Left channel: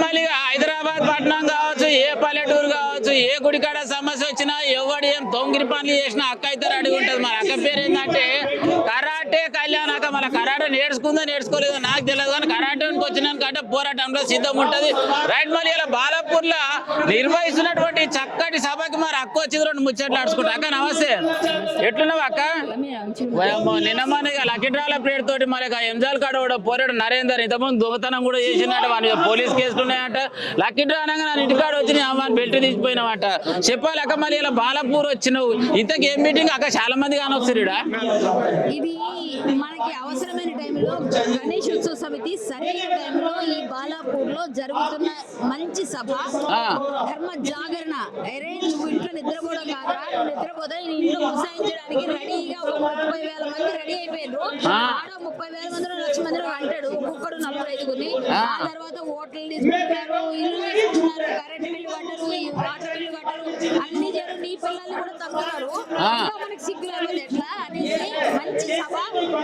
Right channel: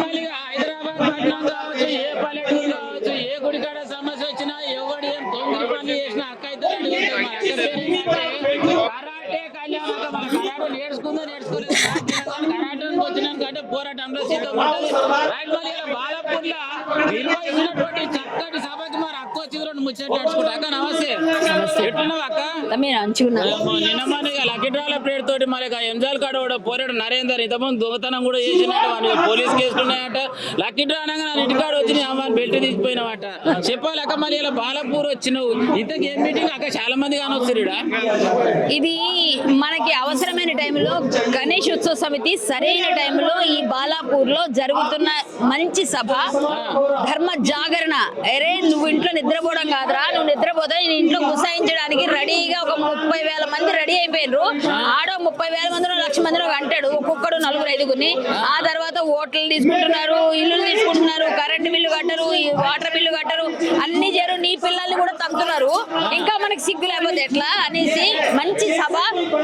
మళ్ళీ హైదరాబాద్ పట్టణం కావచ్చు, ఏ పల్లెటూరు కావచ్చు, ఏ గుడికాడ సమస్య వచ్చినా ఎవడు ఏం తొంగిరి పనులు చేసినా అక్క అయితే రెడీ ఉంటుంది. మన అక్క పేరు ఏంటంటే కరాటే కళ్యాణాక. మన కరాటే నేర్చుకుందో నేర్చుకోలేదు నాకు తెలియదు, కానీ కరాటేకి వచ్చినాకంటే పోరాటంలో సిద్ధం ఉంటుంది. రైట్. మళ్ళీ ఇలా బాలాపూర్ లో నిర్వహిస్తున్నటువంటి చక్కటి సభకి మరి అక్క వచ్చి రెండు ముచ్చట్లు నడుచుకుంటా. అక్క నమస్తే, ఎట్లున్నావు అక్క? నిన్న మన లక్కీ డ్రాల ప్లేట్ తోటి మరి ఎంజాల్ కాడ కూడా పోరాడు నరేందర్ ఇంతకుముందు దొంగతనం కూడా చేసినట్టు వాని పోలీస్ కేసులు ఉన్నాయంట. లక్కీ డ్రా అనగా నా ఇంటికాడ వచ్చి అమ్మాని బెల్ట్ తీసిపోయినామట. చెప్పాలక్క మరి ఇలా బాలాపూర్ వచ్చినావు, ఇంతకు ఏం మీటింగ్ అక్క? చాలా మంది కానొస్తారు. ఇది మనకి అవసరమైన టైంలో గణేష్ ఉత్సవ సమితి సరైన టైంలో ఈ బాలాపూర్ లో జరుగుతున్న మంచి సభ, ధర్మ జాగరణ. అరే నువ్వు ఇంట్లో నిద్రపోవడం కాదురా, నువ్వు నిద్రపోతా నేను ఇంట్లో గుసాయించడానికి రెడీగా ఒక 30,000 మంది రెడీ అయిపోయినరు. ఆడో 30,000 మందిలో 1,00,000 మందిలో అంటాడు, ఒక్కొక్కడు 4-5గురిని. ఆ తర్వాత ఓట్లు తీసుకుంటున్నారు, ఇల్లు తీసుకుంటున్నారు, కరెంట్ బిల్లు కట్టరు, వాటర్ బిల్లు కట్టరు, అన్ని చేరు. నీ పిల్లల్ని కూడా తక్కుతున్నారు. ఇంకా మనకి సిగ్గు లేకపోతే ఎట్లా అనేసి మంచి సభ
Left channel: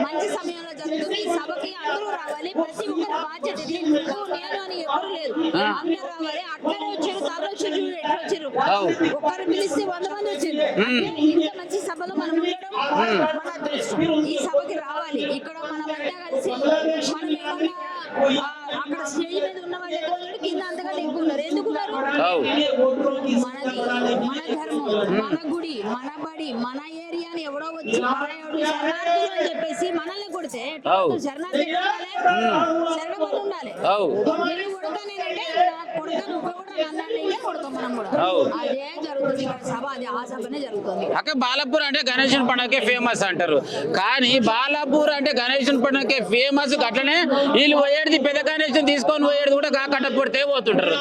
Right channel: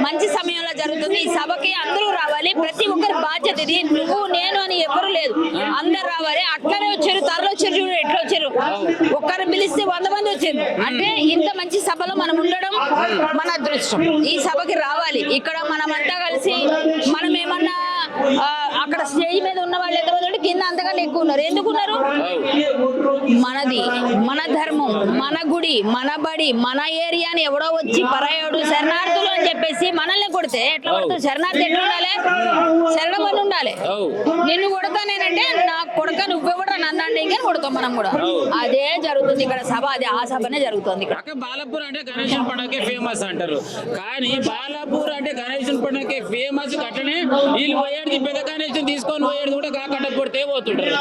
మంచి సమయంలో జరుగుతుంది. ఈ సభకి అందరూ రావాలి, ప్రతి ఒక్కరి బాధ్యత ఇది. నువ్వు నేను అని ఎవరు లేదు, అందరు రావాలి. అట్లనే వచ్చారు, తరలి వచ్చారు, చూడు ఎట్లా వచ్చారు. ఒక్కరిని పిలిస్తే 100 మంది వచ్చారు. అంటే ఇంత మంచి సభలో మనం ఉండడం మన అదృష్టం. ఈ సభకి రావాలి. ఇక్కడ మనమంతా కలిసి మనం ఏమన్నా అక్కడ స్టేజ్ మీద ఉన్న వాళ్ళు ఎంతమంది కింద అంతకంటే ఎక్కువ ఉన్నారు. ఎందుకున్నారు? మనది, మన ధర్మం, మన గుడి, మన బడి, మన ఏరియాని ఎవడో వచ్చి పరాయోడు శరణార్థులు అని చెప్పేసి మనల్ని కొడితే ఎట్లా కొడతారు? శరణార్థి ఎట్లా ఉండాలి? శరణమని ఉండాలి. నిన్ను కొడతానేనంటే నాకు కొడక నువ్వెవడ నన్నండి ఇంకా కొడతాం మనం కూడా. అదే జరుగుతుంది ఇక్కడ సభ, అదే ఆ సభనే జరుగుతుంది. బాలాపూర్ అంటే గణేశుని పండుగకే ఫేమస్ అంటారు, కానీ బాలాపూర్ అంటే గణేశుని పండుగకే ఫేమస్. అట్లనే వీళ్ళు పోయేది పెద్ద గణేశుని తీసుకొని పోయేది కూడా కట్టపడితే పోతుంటారు.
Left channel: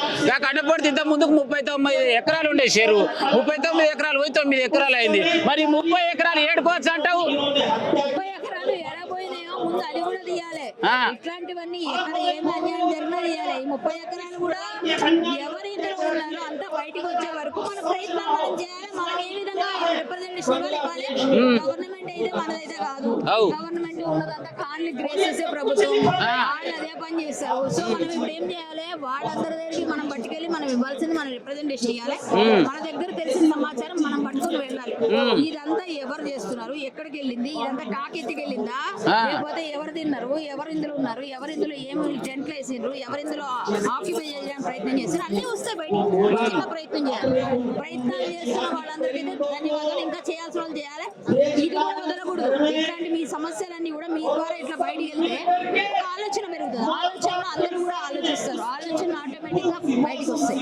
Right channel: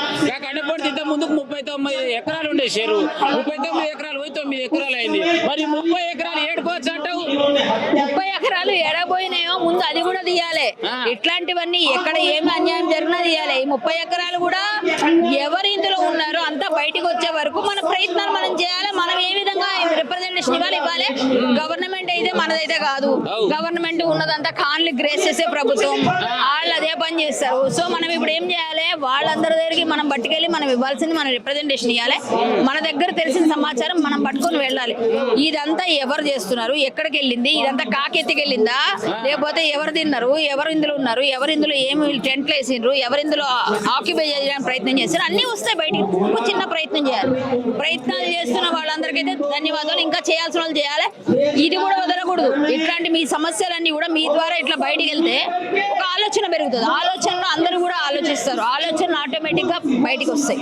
కట్టపడితే ఇంత ముందుకు 39 ఎకరాలు ఉండే చెరువు, 39 ఎకరాలు పోయి 9 ఎకరాలు అయింది. మరి 30 ఎకరాలు ఏడుకోవచ్చు అంటావు? 30 ఎకరాలు ఎడబోయినాయో ముందు అది కూడా తీయాలి. ఇట్లాంటివన్నీ ఎక్కడ ఏమి అన్యాయం జరిగినా తీయాలి. ఈ 30 ఎకరాలు కూడా ఎవరి ఇందులో ఉన్నారో అంతా బయటకు వచ్చే వరకు మన ప్రయత్నాలు మనం చేయాలి. మనం ఏ విధంగా రిప్రజెంటేషన్ ఇవ్వాలి. గవర్నమెంట్ అయితే మనదైతే కాదు, గవర్నమెంట్ ఉన్నదంతా కాన్లు గ్రేస్ చేసే ప్రభుత్వం, వాళ్ళు అదే పని చేస్తారు. సో మనం ఇప్పుడు ఏం చేయాలి? వాళ్ళందరి దగ్గరికి మనం పట్టుకెళ్ళి మనం ఇవ్వాల్సింది మన రిప్రజెంటేషన్ ఇవ్వాలి. మన దగ్గర తెలిసిన సమాచారం మనం పట్టుకొని వెళ్ళాలి. ఇదంతా ఎవరు చేస్తున్నారు, ఎక్కడికి వెళ్ళింది, ఇదంతా కాకెత్తికెళ్ళిందా, లేకపోతే ఎవరు తిన్నారు, ఎవరు ఇందులో ఉన్నారు, ఎవరు ఇందులో ఏమి టెంట్లు వేసిండ్రు, ఎవరు ఇందులో ఆక్యుపై చేయడానికి ప్రయత్నం చేస్తారు, అన్ని వస్తాయి బయటికి. చిన్న ప్రయత్నం చేయాలి. ప్రయత్నాలు చేస్తున్న వాళ్ళందరికైతే ధన్యవాదాలు. ఇంకా చేయాల్సిన వాళ్ళు చేయాలి. ఇది కూడా వదలకూడదు. ఇట్లాంటి మీ సమస్యలన్నీ కూడా మీ ద్వారా ఇట్లా బయటికి వెళ్తే ఒక ఆలోచన పెరుగుతుంది. ఆలోచనలో అందరూ కూడా ఆలోచిస్తారు. ఆలోచన ఆటోమేటిక్ గా బయటికి వస్తాయి.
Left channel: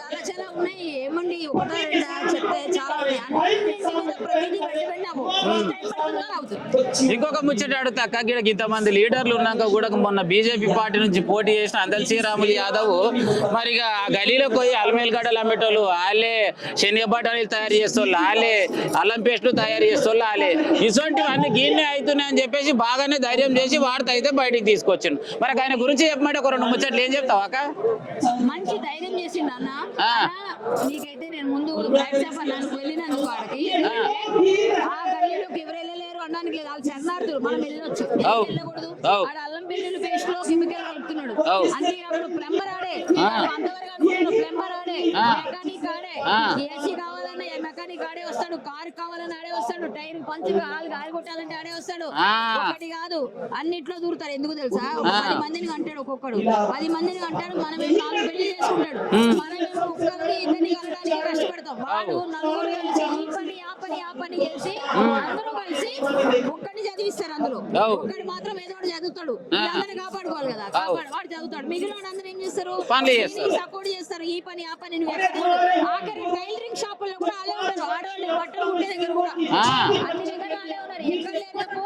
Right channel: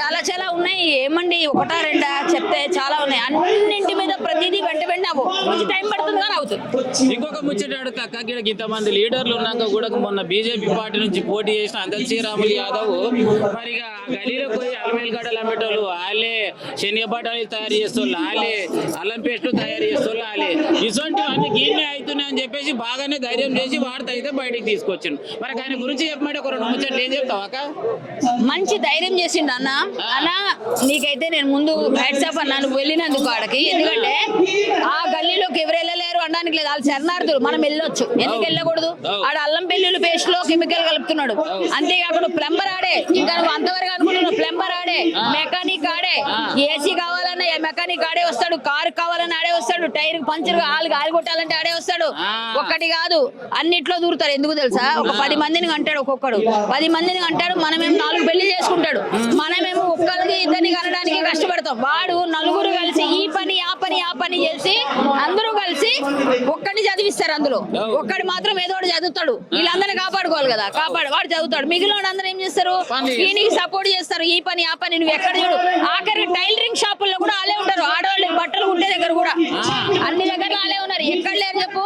చాలా చాలా ఉన్నాయి. ఏమండి ఒకటా రెండా చెప్తే చాలా ఉన్నాయి. అన్నింటి మీద ప్రతిదీ వెంట టైం పడుతుంది కానీ అవుతుంది. ఇంకొక ముచ్చట అడుగుతాక ఇంతమంది లీడర్లు ఉన్నాక కూడా మొన్న బీజేపీ పార్టీ నుంచి పోటీ చేసిన అందల్ శ్రీరాములు యాదవ్ మరి గలీలో పోయి అల్మేల్ గడ్డలు అమ్మేటోళ్ళు వాళ్ళే, శనగ బఠానీలు తయారు చేస్తోళ్ళు వాళ్ళే, అల్లం పేస్టులు తయారు చేస్తోళ్ళు వాళ్ళే. ఇటువంటివన్నీ గీనే అవుతున్నాయని చెప్పేసి బాగానే ధైర్యం చేసి వాడితే అయితే బయటికి తీసుకొచ్చిండు. మరి ఆయన గురించి చెప్పమంటే ఒక 2 ముచ్చట్లు ఏం చెప్తావు అక్క? మంచి ధైర్యం చేసిండు అన్న. అలా నీకైతే నేను ముందు వాట్సాప్ అన్నాను వెళ్ళినందుకు ఆడకి. ఎందుకంటే ఆ గల్లీలోకి ఎవరు వెళ్ళలేరు అనడానికి లేదు. వాళ్ళు శరణార్థులు, మనం వెళ్ళొచ్చు. ఎందుకు వెళ్ళకూడదు? ఆడ అల్లం పెళ్లి పేస్ట్ లో కెమికల్ కలుపుతున్నాడు. అంతేకాకుండా ప్లంబర్ ఆడే, ఇంకా అంతవరకు అనుకుంటున్నావు ప్లంబర్ ఆడే, మెకానిక్ ఆడే, ఏసీ కావాలన్నా మెకానిక్ ఆడే వస్తాడు, కారు కావాలన్నా ఆడే వస్తాడు, టైర్ పంచర్ గాలి కొట్టాలంటే ఆడే వస్తాడు. ఒక్కటి కాదు అన్నిట్లో దూరుతారు. ఎందుకు తెలుసా? ఒక 10 మందిని అంటాడు, ఒక్కొక్కడు 10 మందిని అంటాడు. మనమేమో 4 పెళ్లి చేసుకుంటాడు. మనమేమో ఒక్కరికి ఇద్దరిని కనడానికి కష్టపడతాం. వాడు 4 కలిసి ఈ పని ఆ పని ఆ పని చేసి అందరూ కలిసి ఒక్కడిని చదివిస్తారు. అందులో ఒక్కడి మాత్రం ఏదో ఒకటి చదువుతాడు. వీళ్ళందరినీ కాపాడుకోవాలి కదా, వాడు చదువుతాడు. మిగిలిన అందరూ ఏం చేస్తారు? దీనికి సపోర్ట్ చేస్తారు. ఈ పని ఆ పని నువ్వు ఎక్కడ చూడు. ఆఖరి టైలరింగ్ షాపుల్లో కూడా వాళ్ళే ఉంటారు. ఆడవాళ్ళు బట్టలు ఉండే దగ్గర కూడా అన్ని దగ్గర వాళ్ళే ఉన్నారు. ఎక్కడ లేరు చెప్పు?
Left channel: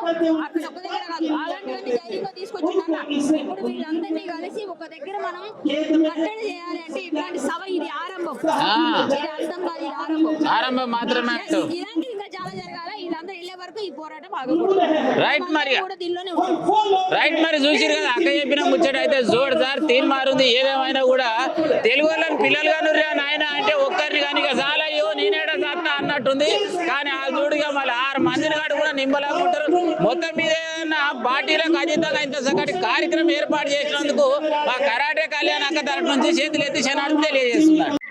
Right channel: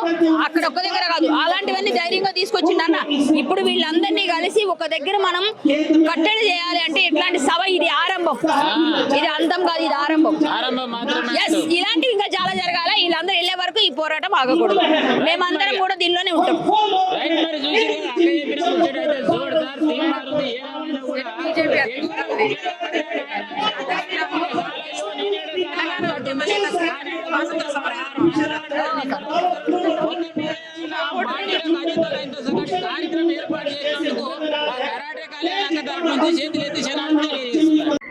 అక్కడ ఒక్క దగ్గర కాదు. అలాంటివన్నీ ధైర్యంగా తీసుకొచ్చిండు అన్న. ఇప్పుడు వీళ్ళందరినీ కలిసి ఒక దగ్గర మనం కట్టడి చేయాలి అంటే ఇట్లాంటి సభ ఇది ఆరంభం. ఇది అంతం కాదు, ఇది ఆరంభం. ఇలాంటివి ఇంకా చాలా జరగాలి. వీళ్ళందరూ వెళ్ళే వరకు ఈ పోరాటం ఆగకూడదు. మేమందరం కూడా దీనిలోనే ఉంటాం. రైట్. మరి చూసి అక్క చెప్పిన ముచ్చట అయితే జోడ్ సార్ తీన్ మారుతుంది. ఏదేమైనా కూడా తెలుగు పిల్లలు నాయన అంటే ఒక్కరిని కానీ చాలా నేనేడ అన్నట్టుంది. కానీ ఆ మూడుగా మళ్ళీ 6 మందిని కాడు కూడా నింపలేకపోతారు. మొత్తం మీద పార్టీలకు అతీతంగా ఇంత చక్కటి కార్యక్రమం ఏర్పాటు చేసినందుకు ఆ కరాటే కళ్యాణ్ అక్క తరఫున నుంచి చేతులు ఎత్తి శనార్థం తెలియజేస్తున్నారు.